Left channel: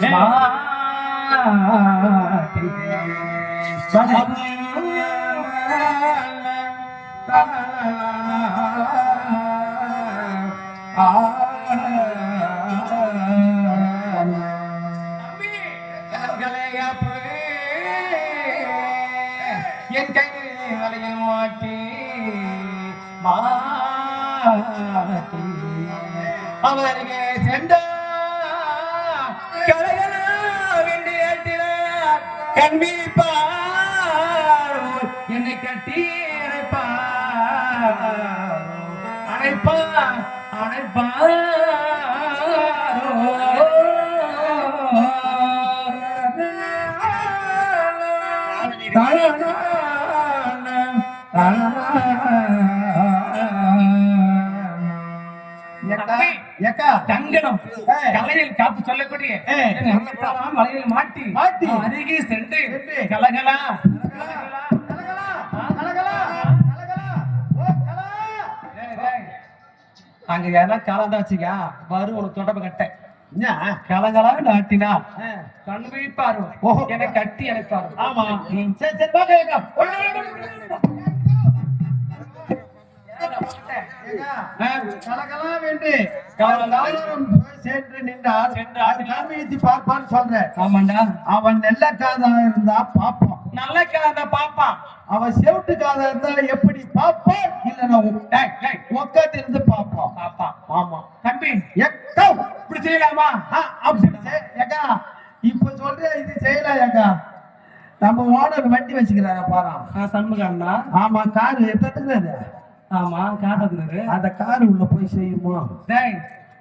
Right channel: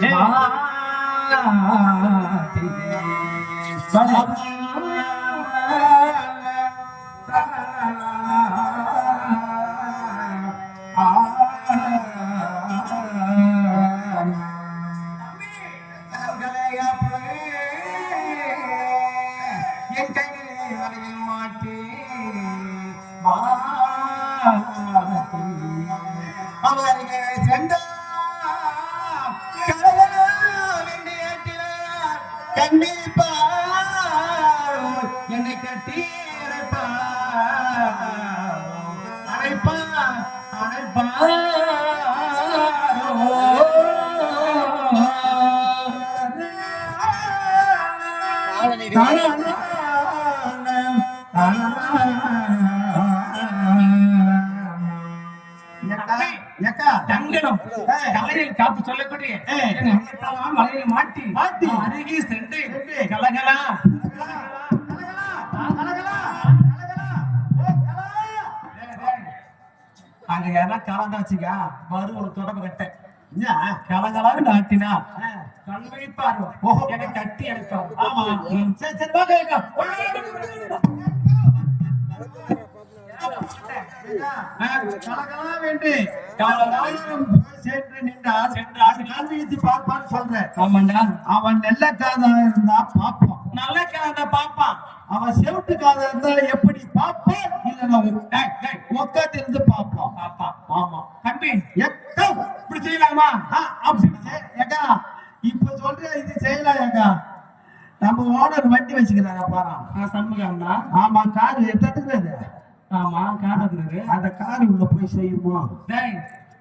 என் கையில் மாட்டி மாட்டி அவர்கள் சென்ற கண்மீப்பா என்னை கட்டி அணைப்பா அணைப்பா அணைப்பா ஏக்கா. தங்கனம் ஏய். கலையில் காப்பு சொல்லக்கூடிய. மாட்டி. மாட்டி. அருகே சென்று. அங்க யாரா கலந்தா வச்சுக்கா வரும் ஒரு தொடர்பு கட்ட. கலங்களாக நாட்டினா கண் விழிப்பாரு ஓஹோ. கட்டி அணைப்பாரு ஆமா. சரி சரி கலகலாம் வேண்டு. கலகலாம் சென்று நின்றார். சென்றார். காண்பித்து பார்ப்பான்னு சொல்றேன். ஆமாண்டா. அவன் நெல்ல காதல் இருந்தா பாப்பான் நல்ல கலந்த பாப்பா அவன் செவிட்டு காதல் இருந்தா எப்படி பாப்பான் செய்யலாமா. ஏக்கா இப்ப சொல்ற இது செய்யலாம் ஏக்கா நம்ம ஓனர் வண்டி வச்சுக்கிறாங்க பாரா சண்முகம்னா ஆமா கார் எத்தத்துக்குறது ஆமா காட்டுறது அந்த கார் உள்ள போய் செய்யுமா டேய்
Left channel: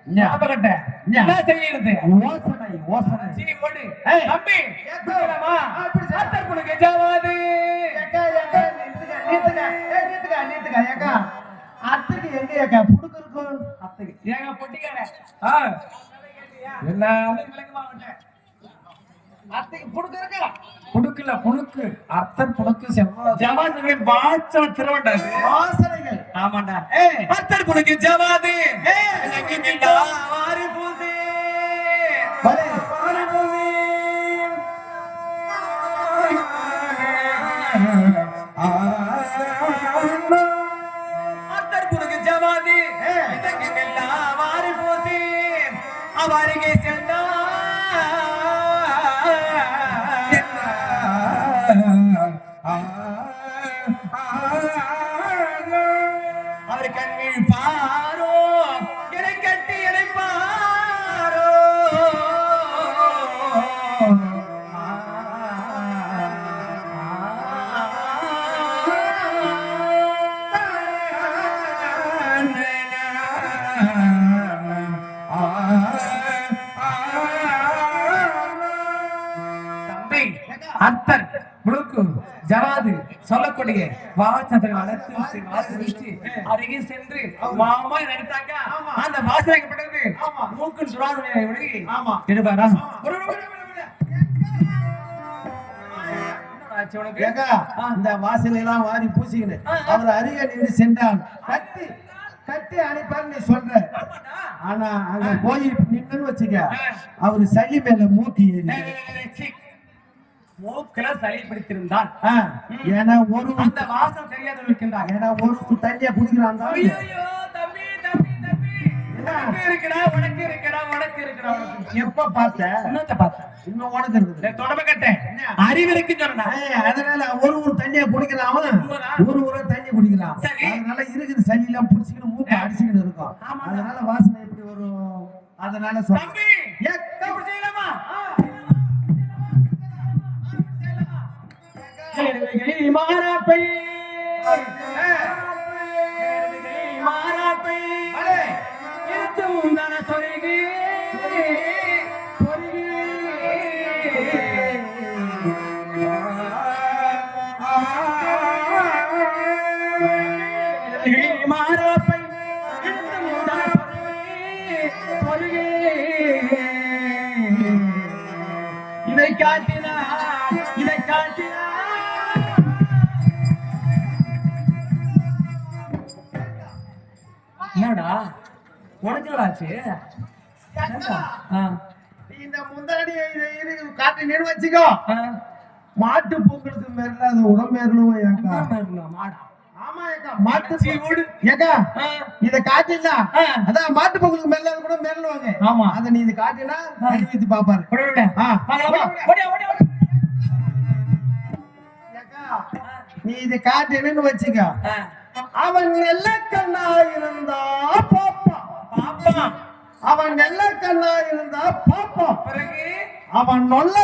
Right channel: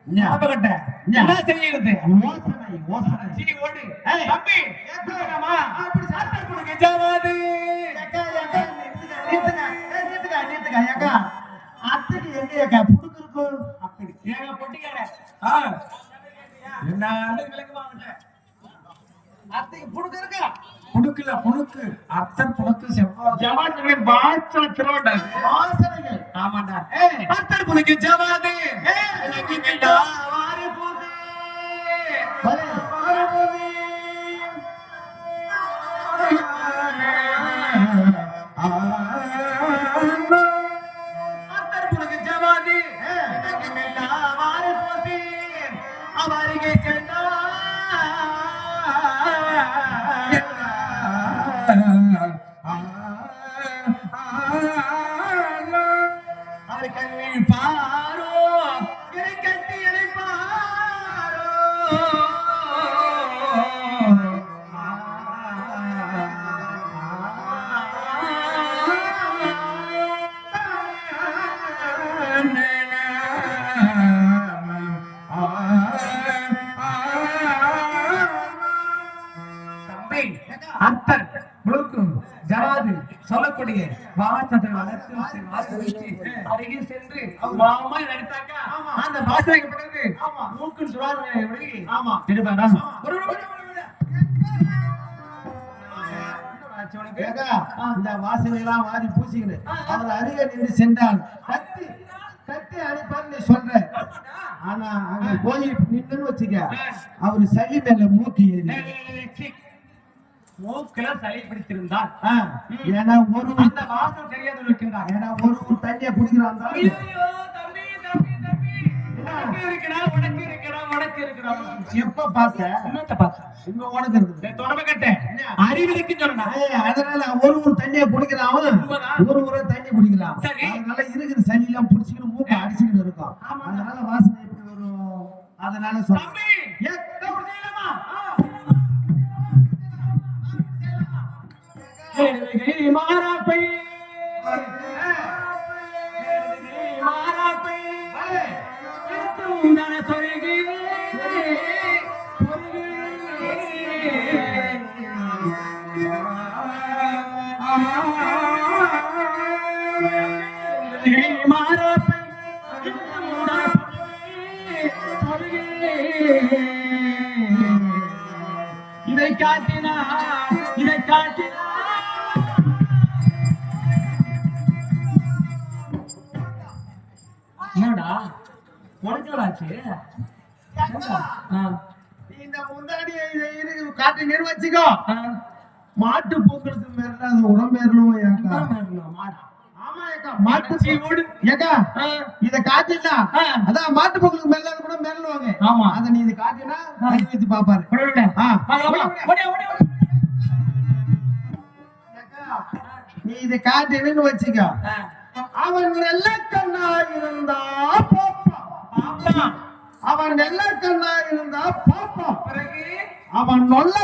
என்ன? அப்பகட்ட என்ன? என்ன செய்யுது ஓசனை ஓசனை சீ ஓடு. தம்பி ஏத்துக்கலாமா? கொடுங்க ஜாவாது ஏக்கா, ஏக்கா. ஏய், நிறுத்துக்க, நிறுத்துக்க, ஏக்கா. அத்தைக்கு எங்க ஏக்கா புடுக்கு இருக்கும்? அத்தைக்கு ஏங்க பொட்டிக்கார ஆ என்ன? புடுக்குல புடுக்கு அத்தன் புடுக்கு. ஜவாது வாச்சா திருவண்டாது வாசனைகள். ஆமாண்டா ஜவாது அவர் தம்பி அத்தர் முழுக்கு ஜவாது சொல்லக்கூடிய வாசத்தை வளர்த்து வாச வச்சு அருகே சென்று மாமா எடுத்தாக்க? அந்த வாசனைக்கு பிறகு மூக்கு ஒழுகி ஆமா. எடுப்பாரா? ஒரு வாரி பூசிக்கிட்டு அவர் அருகே நின்று சென்றான். கட்டி கட்டி அனுப்பான்னு சொல்ற. ஆனா அங்க போய் நின்னு வச்சுக்க. அவரு சளி மேல மூட்டி மூக்குல சளி பிடித்திருந்தான் ஆ, ஏன்னா ஒரு அந்த வாசம் தெரியாத இருக்கின்றான் ஏன்னா ஒரு தண்ணிய உனக்கு. எப்ப பார்த்த? என்னத்த பார்த்த? இன்னும் உனக்கு இருக்குது தொடர்பு கட்டேன். அறிவு இருக்குன்னு சொன்னேன். ஏய், அதனால ஒரு ஒரு தண்ணிய குடிக்கிறான் அவன் ஒரு ஒரு தண்ணி குடிக்கிறான் சரி. அதனால இருக்குது சளி எல்லாம் பிடிச்சிக்கிட்டு மூக்க அடிச்சுக்கிட்டு இருக்கும். அதனால வாசனை எப்படி வரும்? அதனால சொல்றேன் மாறாப்பை. என்னடா? உனக்கு ஆச்சு? இந்த முன் முந்தாடி காட்டினேன்னு வச்சுக்கோ. மாட்டு பொங்கலுக்கு மேல அது உடம்பேறணும் ஏக்கா? ஆமா ஏக்கா மாட்டு. ஏக்கா இத காட்டினா ஆ. அதான் மாட்டு பொங்கலுக்கு மேல கூட மேலுவாங்க ஆமா. அத நீ இது காட்டினா வச்சு பாப்பாரு நீ இத காட்டினு வச்சுக்க. அவன் நல்ல கண்ணா இருந்தா பாப்பா. அவன் நல்ல கண்ணா இருந்தா பாப்பா. பிறகு அவன் நல்ல